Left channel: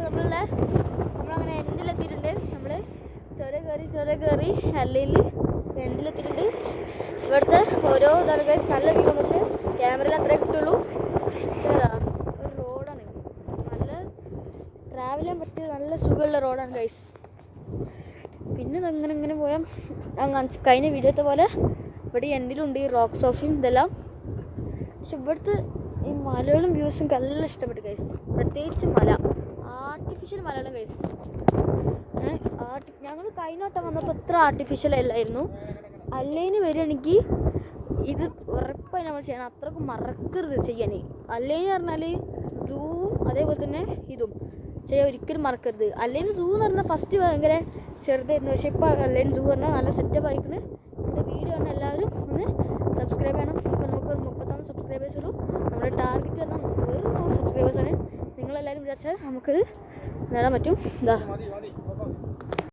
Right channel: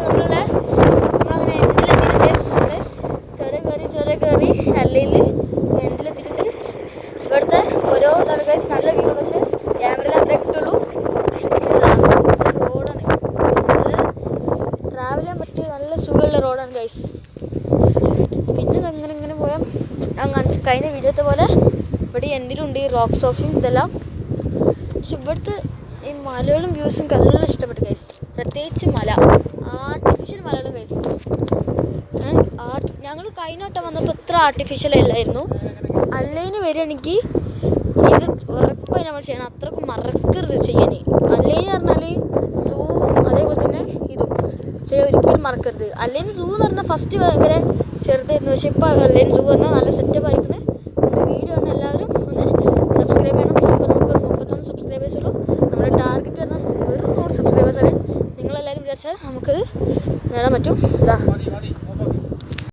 നമ്മളങ്ങനെ എൻഡിലെത്തിയിട്ടുണ്ട്. നമ്മൾ ചുരം കയറി അല്ലെങ്കിൽ എൻഡിലെത്തിയിട്ടുണ്ട്. ഇവിടുത്തെ ഓരോ ഗൈസ് നല്ല വ്യൂ ആണ്. പക്ഷേ ക്യാമറയിൽ അത്ര കിട്ടുള്ളൂ. റോഡാണ്, നല്ല ട്രാവൽ ചെയ്യാൻ പറ്റിയ നല്ല സുഖമുള്ള റോഡാണ് ഗൈസ്. പിന്നെ ഇങ്ങനെ പോയാൽ കഴിഞ്ഞ വീഡിയോത്തെ പോലെ ഇവിടെ എൻഡിലുണ്ട് ഈ റോക്ക് സോഫയും ഇതെല്ലാം. പക്ഷെ ഇവിടുത്തെ ഈ മലകളും വ്യൂസും നല്ല ഇഷ്ടപ്പെട്ടു ഗൈസ്. പ്രത്യേകിച്ച് മല, ആർട്ടിഫിഷ്യൽ മലകളും ഗൈസ്. ഞങ്ങൾ കഴിഞ്ഞ വട്ടം വന്നപ്പോൾ എത്ര ആർട്ടിഫിഷ്യൽ അല്ലായിരുന്നു. അല്ലേന് വരികയാണെങ്കിൽ ഇത് ഉറപ്പായി നമ്മൾ ചെയ്യണം. അത്രക്കും മറക്കരുത് ചെയ്യാൻ. അല്ലേന്ന് പറഞ്ഞാൽ സൂവും അതേപോലെ തന്നെ ഇതും ചെയ്യാൻ ഒരിക്കലും മറക്കരുത്. അല്ലെങ്കിൽ സൂ എന്ന് പറഞ്ഞാൽ ഫസ്റ്റ് ഭയങ്കര ചെറുതായിരുന്നു. പക്ഷേ ഇപ്പോൾ അല്ലെങ്കിൽ സൂ പറഞ്ഞാൽ നല്ല സെറ്റപ്പ് ആയിരിക്കണം. നമ്മുടെ വീഡിയോ ആണ് എല്ലാവരും ഒന്ന് സബ്സ്ക്രൈബ് ചെയ്യണം. ഇപ്പോൾ നമുക്കൊരു 31 സബ്സ്ക്രൈബേഴ്സ് ഉള്ളൂ. നമ്മുടെ ടാർഗറ്റ് പറഞ്ഞാൽ വെറും 100 സബ്സ്ക്രൈബേഴ്സാണ്. നിങ്ങളെല്ലാവരും വിചാരിച്ചാൽ നമുക്കത് നേടാൻ പറ്റും. ഇതാ